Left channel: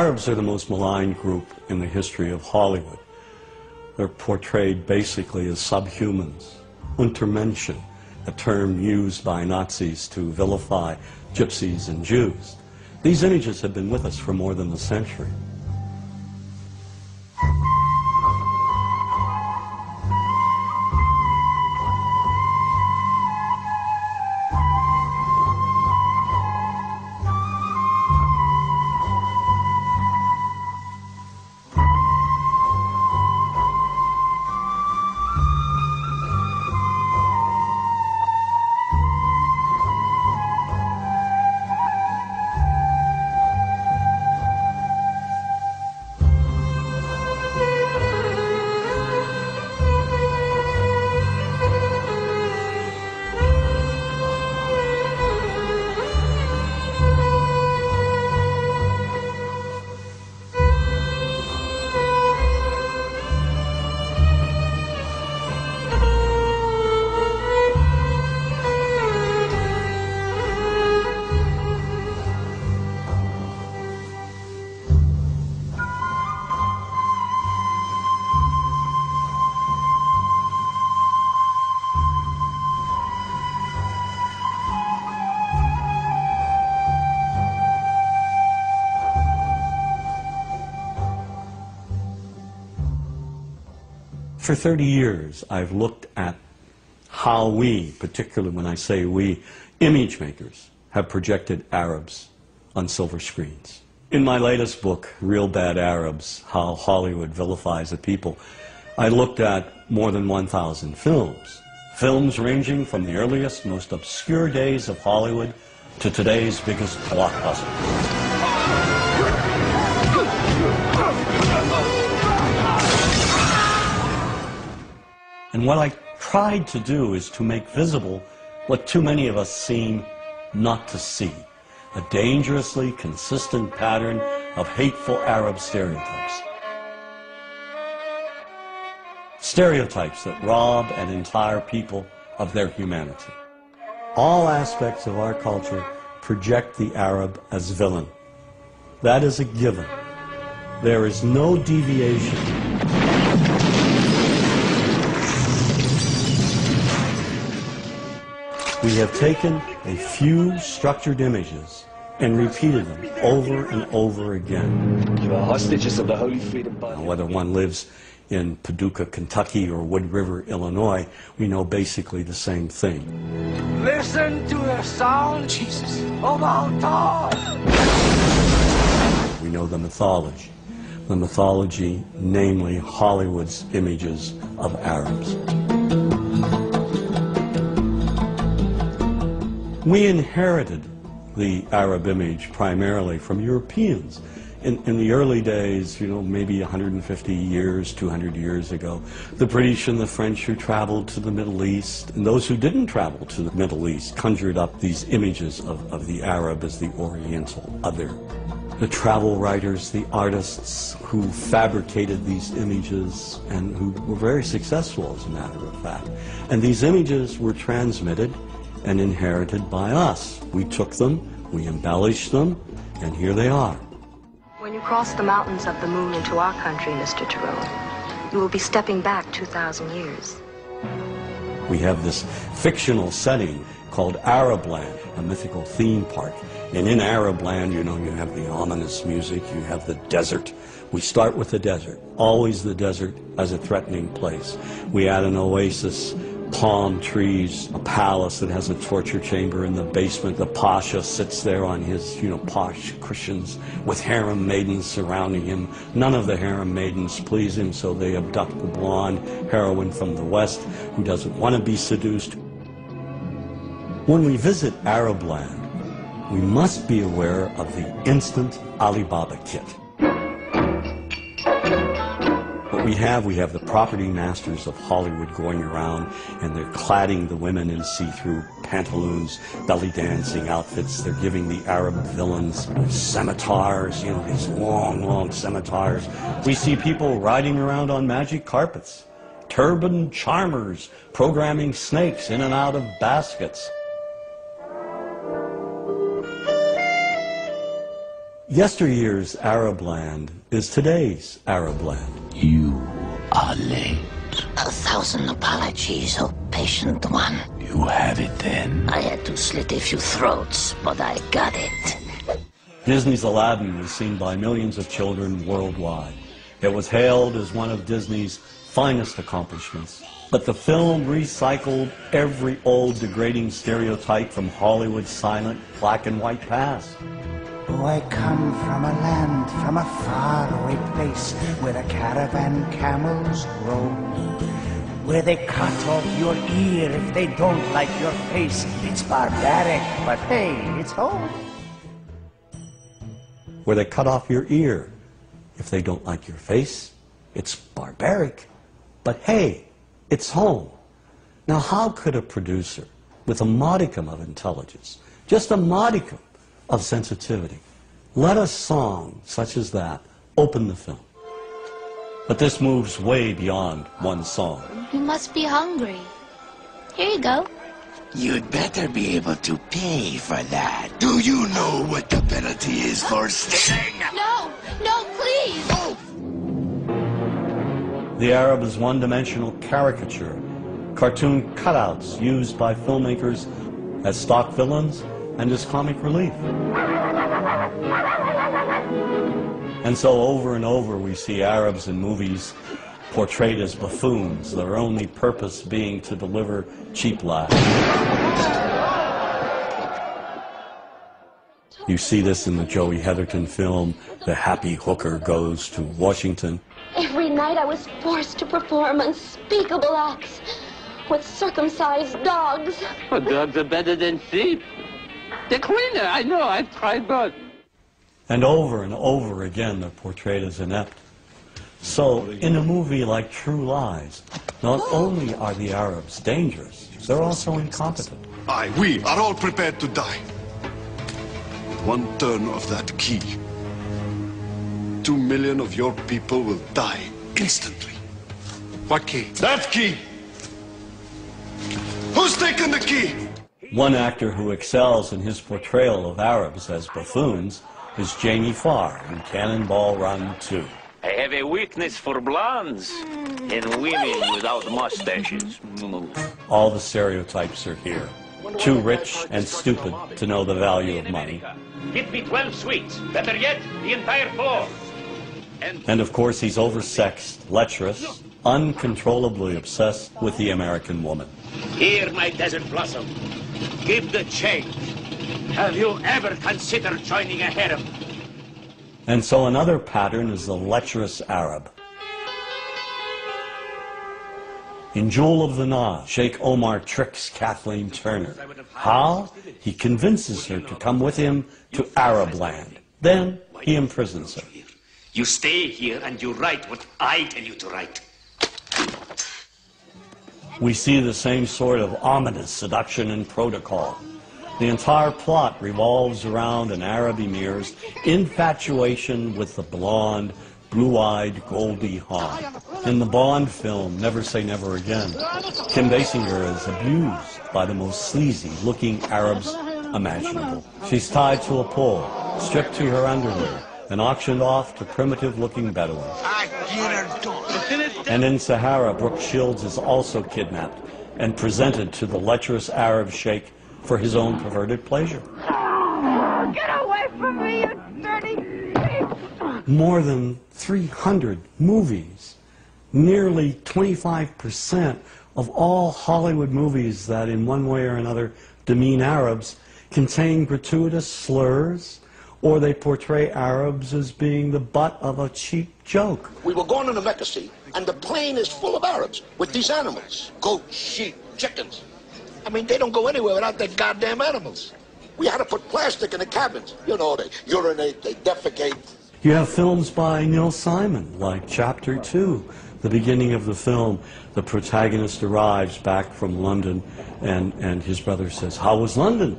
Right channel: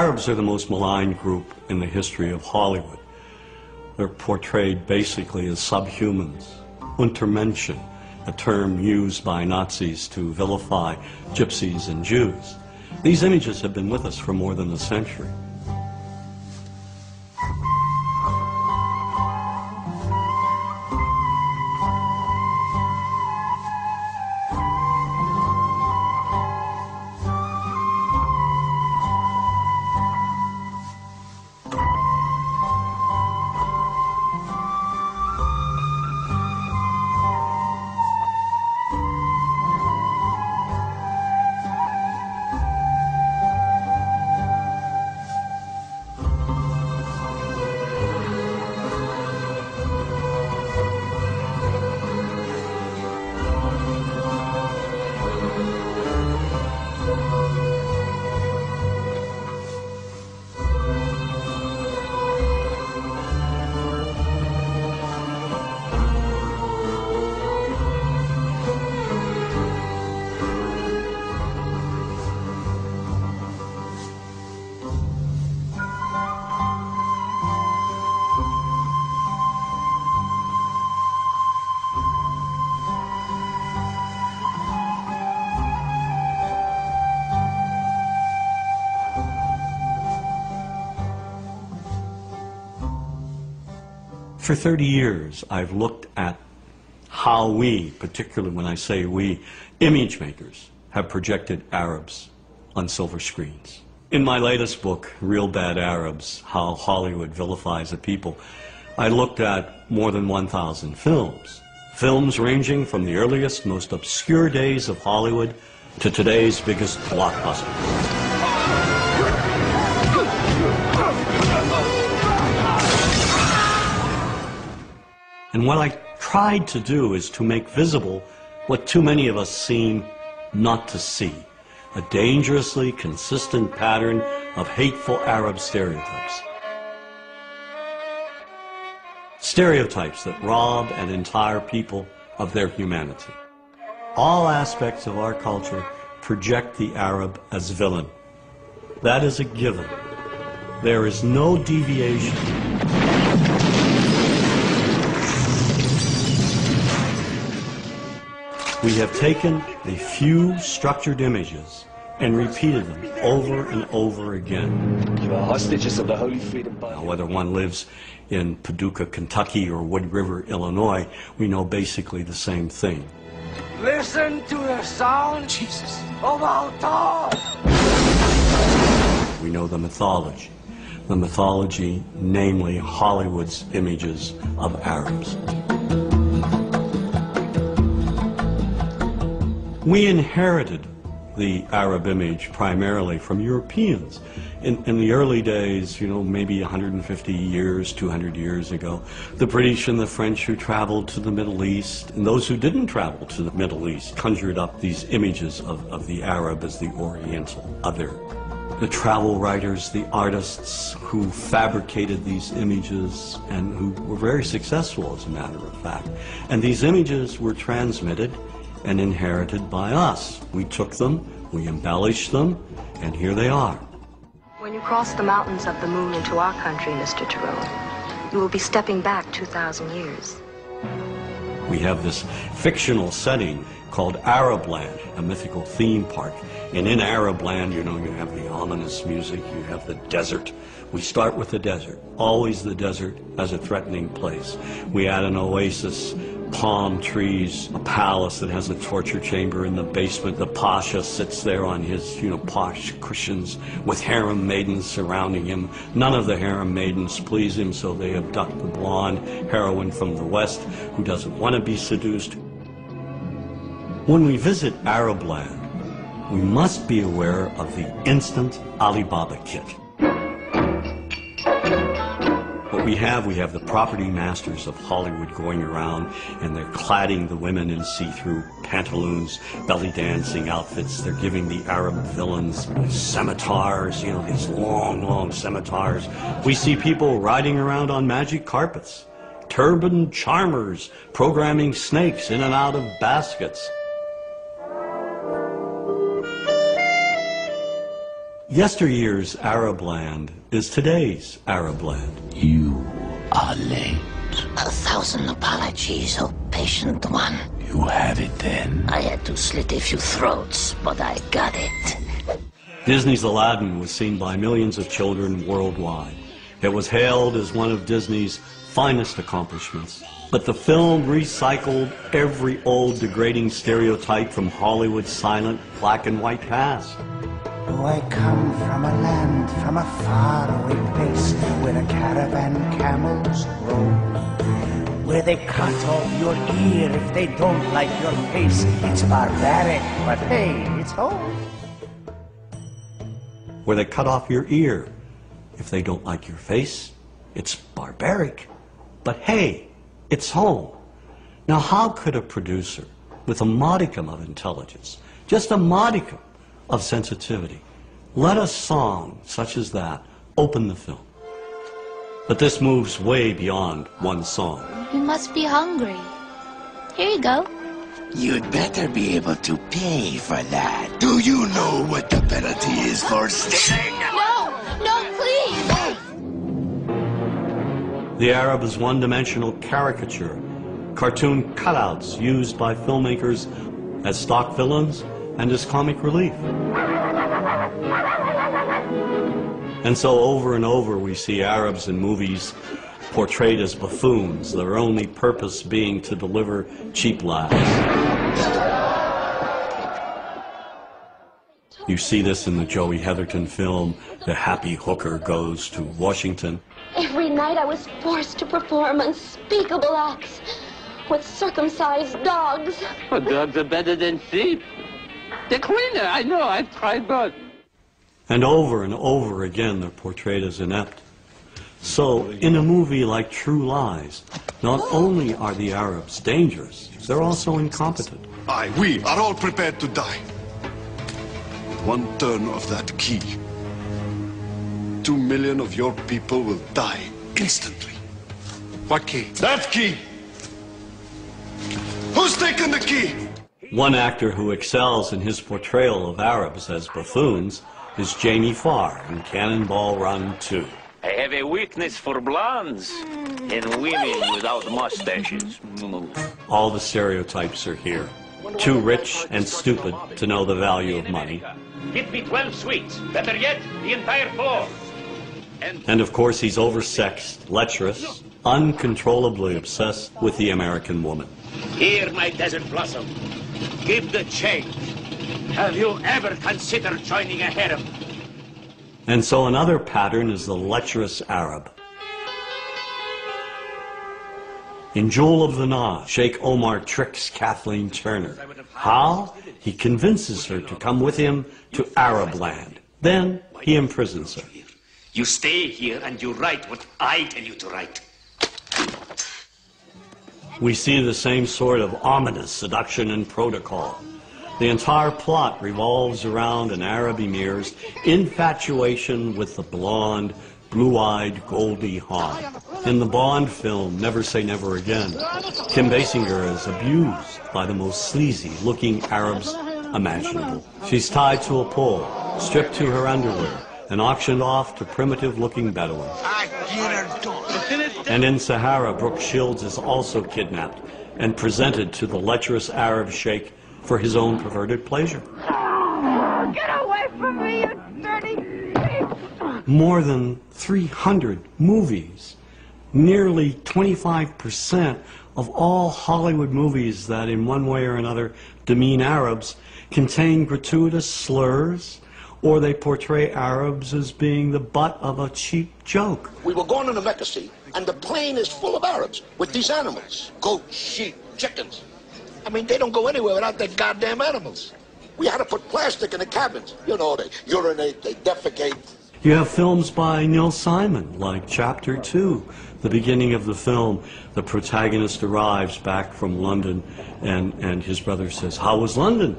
Arabs are the most maligned group in the history of Hollywood. They're portrayed basically as subhumans. Untermenschen, a term used by Nazis to vilify gypsies and Jews. These images have been with us for more than a century. For 30 years, I've looked at how we, particularly when I say we, image makers, have projected Arabs on silver screens. In my latest book, Real Bad Arabs, How Hollywood Vilifies a People, I looked at more than 1,000 films. Films ranging from the earliest, most obscure days of Hollywood to today's biggest blockbuster. And what I tried to do is to make visible what too many of us seem not to see, a dangerously consistent pattern of hateful Arab stereotypes. Stereotypes that rob an entire people of their humanity. All aspects of our culture project the Arab as villain. That is a given. There is no deviation. We have taken a few structured images and repeated them over and over again. You are hostages of the Holy Freedom Party. Whether one lives in Paducah, Kentucky, or Wood River, Illinois, we know basically the same thing. Listen to the sound, Jesus, of our God. We know the mythology. The mythology, namely Hollywood's images of Arabs. We inherited the Arab image primarily from Europeans. In the early days, you know, maybe 150 years, 200 years ago, the British and the French who traveled to the Middle East, and those who didn't travel to the Middle East, conjured up these images of the Arab as the Oriental other. The travel writers, the artists who fabricated these images and who were very successful, as a matter of fact. And these images were transmitted and inherited by us. We took them, we embellished them, and here they are. When you cross the mountains of the moon into our country, Mr. Tyrone, you will be stepping back 2,000 years. We have this fictional setting called Arabland, a mythical theme park. And in Arabland, you know, you have the ominous music, you have the desert. We start with the desert, always the desert as a threatening place. We add an oasis, palm trees, a palace that has a torture chamber in the basement. The pasha sits there on his, you know, posh cushions with harem maidens surrounding him. None of the harem maidens please him, so they abduct the blonde heroine from the West who doesn't want to be seduced. When we visit Arabland, we must be aware of the instant Alibaba kit. We have the property masters of Hollywood going around, and they're cladding the women in see-through pantaloons, belly dancing outfits. They're giving the Arab villains scimitars, you know, these long, long scimitars. We see people riding around on magic carpets, turban charmers programming snakes in and out of baskets. Yesteryear's Arab land is today's Arab land. You are late. 1,000 apologies, oh patient one. You have it then. I had to slit a few throats, but I got it. Disney's Aladdin was seen by millions of children worldwide. It was hailed as one of Disney's finest accomplishments. But the film recycled every old degrading stereotype from Hollywood's silent black and white past. Oh, I come from a land, from a faraway place, where the caravan camels roam, where they cut off your ear if they don't like your face. It's barbaric, but hey, it's home. Where they cut off your ear if they don't like your face. It's barbaric, but hey, it's home. Now, how could a producer with a modicum of intelligence, just a modicum of sensitivity, let a song such as that open the film? But this moves way beyond one song. You must be hungry. Here you go. You'd better be able to pay for that. Do you know what the penalty is for stealing? No, no, please. The Arab is one-dimensional caricature, cartoon cutouts used by filmmakers as stock villains and as comic relief. And so over and over we see Arabs in movies portrayed as buffoons, their only purpose being to deliver cheap laughs. You see this in the Joey Heatherton film, The Happy Hooker Goes to Washington. Every night I was forced to perform unspeakable acts with circumcised dogs. Well, dogs are better than sheep. They're cleaner, I know, I've tried both. And over again, they're portrayed as inept. So, in a movie like True Lies, not only are the Arabs dangerous, they're also incompetent. We are all prepared to die. One turn of that key, 2 million of your people will die instantly. What key? That key! Who's taking the key? One actor who excels in his portrayal of Arabs as buffoons is Jamie Farr in Cannonball Run 2. I have a weakness for blondes and women without mustaches. All the stereotypes are here. Too rich and stupid to know the value of money. Get me 12 sweets. Better yet, the entire floor. And of course, he's oversexed, lecherous, uncontrollably obsessed with the American woman. Here, my desert blossom. Give the change. Have you ever considered joining a harem? And so another pattern is the lecherous Arab. In Jewel of the Nile, Sheikh Omar tricks Kathleen Turner. How? He convinces her to come with him to Arab land. Then he imprisons her. You stay here and you write what I tell you to write. We see the same sort of ominous seduction and protocol. The entire plot revolves around an Arab emir's infatuation with the blonde, blue-eyed Goldie Hawn. In the Bond film, Never Say Never Again, Kim Basinger is abused by the most sleazy-looking Arabs imaginable. She's tied to a pole, stripped to her underwear, and auctioned off to primitive-looking Bedouins. And in Sahara, Brooke Shields is also kidnapped and presented to the lecherous Arab sheikh for his own perverted pleasure. Get away from me, you dirty pig! More than 300 movies, nearly 25% of all Hollywood movies that in one way or another demean Arabs contain gratuitous slurs, or they portray Arabs as being the butt of a cheap joke. We were going to the Mecca, see, and the plane is full of Arabs with these animals. Goats, sheep, chickens. I mean, they don't go anywhere without their goddamn animals. We had to put plastic in the cabins. You know, they urinate, they defecate. You have films by Neil Simon, like Chapter 2. The beginning of the film, the protagonist arrives back from London, and his brother says, "How was London?"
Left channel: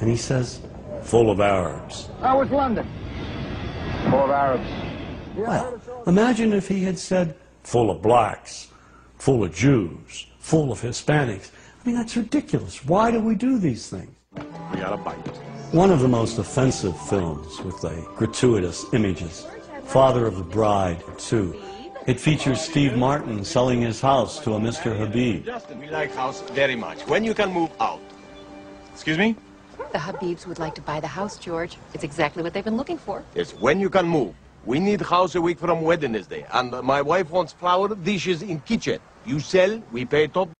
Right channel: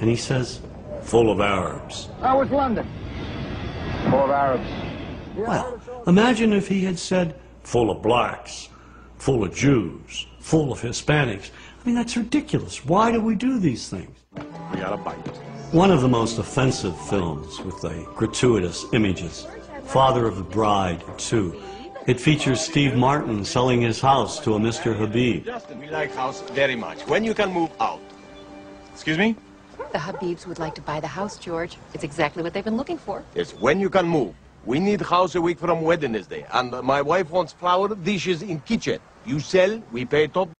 And he says, "Full of Arabs." How was London? Full of Arabs. Well, imagine if he had said, "Full of blacks, full of Jews, full of Hispanics." mean, that's ridiculous. Why do we do these things? We gotta bite. One of the most offensive films with the gratuitous images, Father of the Bride 2. It features Steve Martin selling his house to a Mr. Habib. We like house very much. When you can move out. Excuse me? The Habibs would like to buy the house, George. It's exactly what they've been looking for. Yes, when you can move. We need house a week from Wednesday. And my wife wants flour dishes in kitchen. You sell, we pay top